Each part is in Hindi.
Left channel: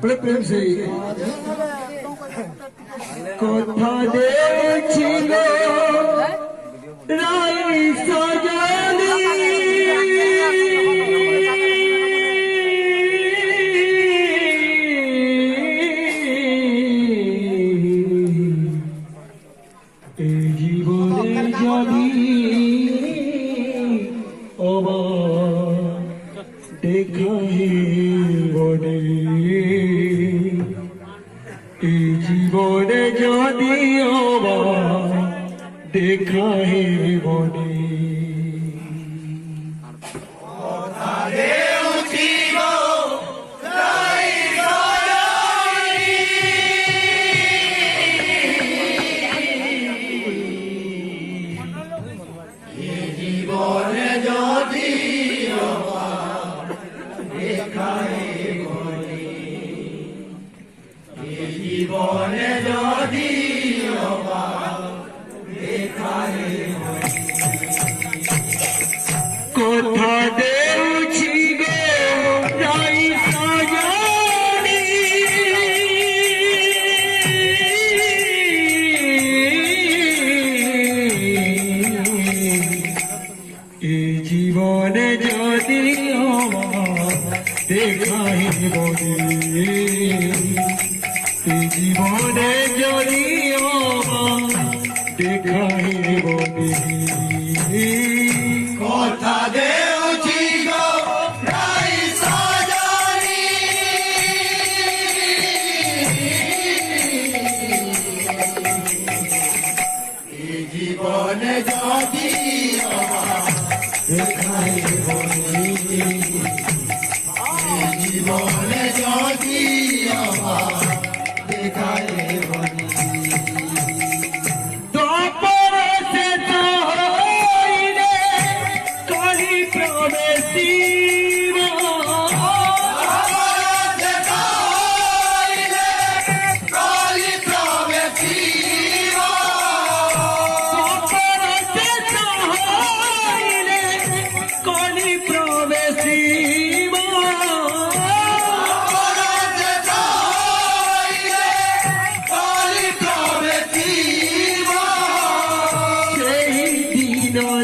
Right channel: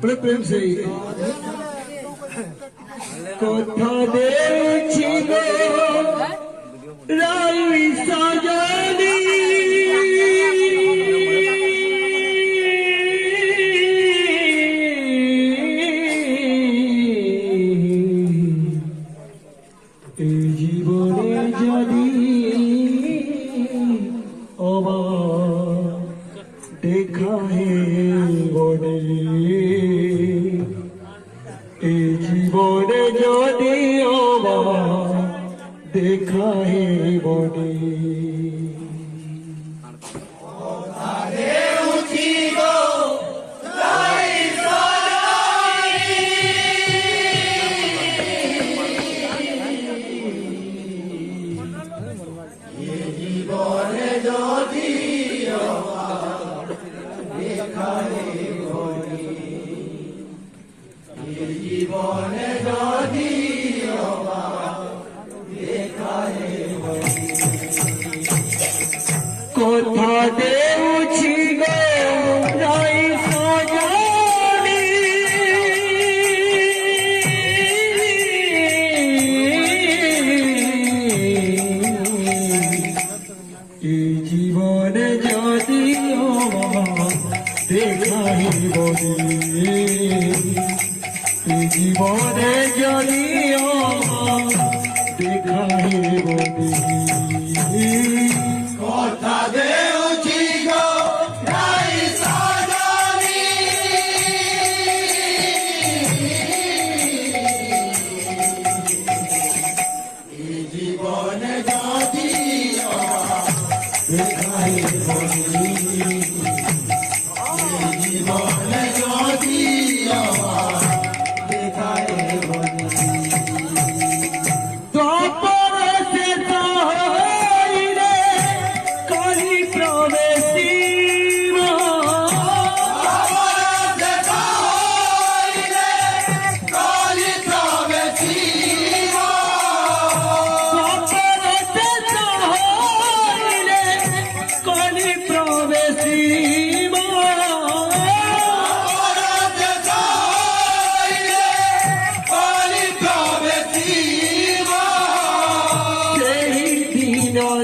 बड़े प्रेम से कथा देखिल राई सजनी জীবনে যদি দেখা হে বনে এই জীবনে যদি দেখা হে বনে জীবনে যদি কথা দেউছি গো রাই সজনি এই জীবনে যদি দেখাই বলি জীবনে যদি দেখাই বলি কথা দেউছি গো রাই সজনি এই জীবনে যদি দেখাই বলি জীবনে যদি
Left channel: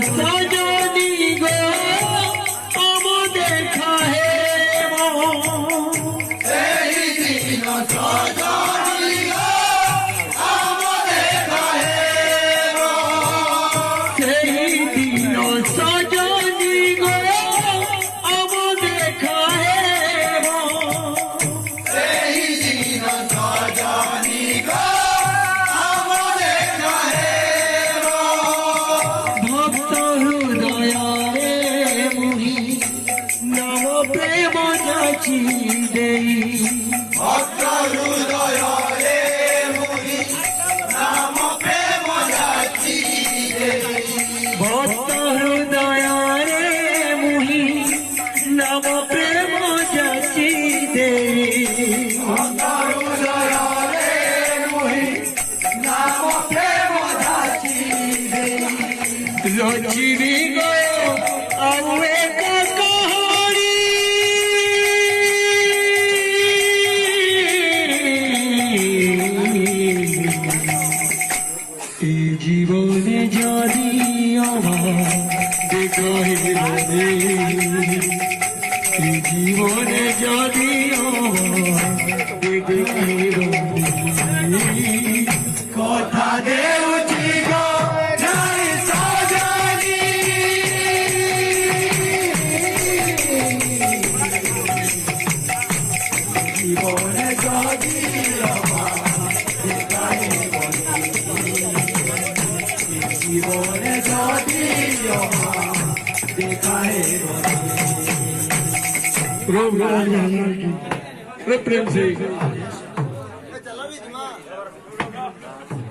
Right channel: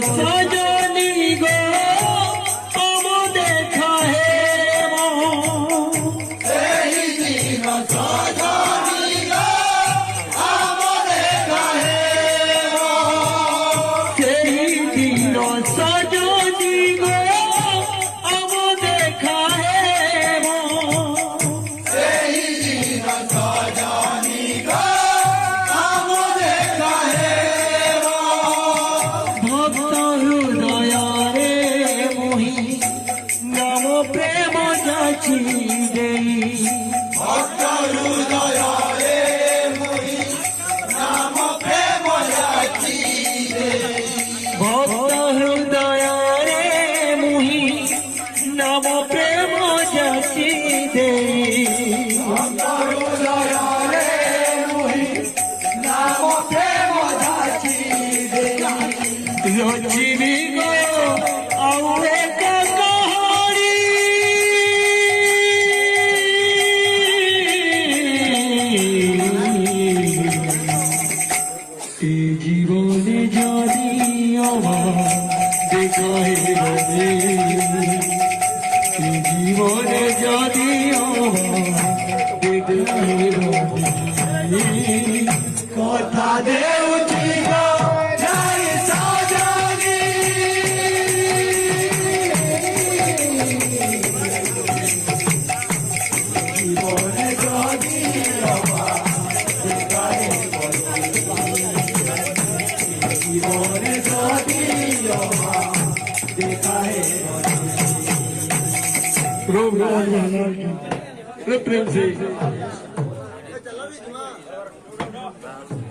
सजनी गो हम देखा है दिन सजनी गो हम देखा दिन सजनी गो हम देखा दिन सजनी गो हम देखा भक्त हृदया रे मोहि ज्ञान प्रेम जाची देई भक्त हृदय रे मोहि नाम प्रेम जाची भक्त हृदय रे मोहि नाम प्रेम जाची देई भक्त हृदय रे मोहि नाम प्रेम जाची रचिबी गो आउ एक कहानी এই জীবনে যদি দেখাই বলে এই জীবনে যদি দেখাই বলে কথা দেউছি গো রাই সজনি জীবনে যদি জীবনে যদি দেখায় प्रेम से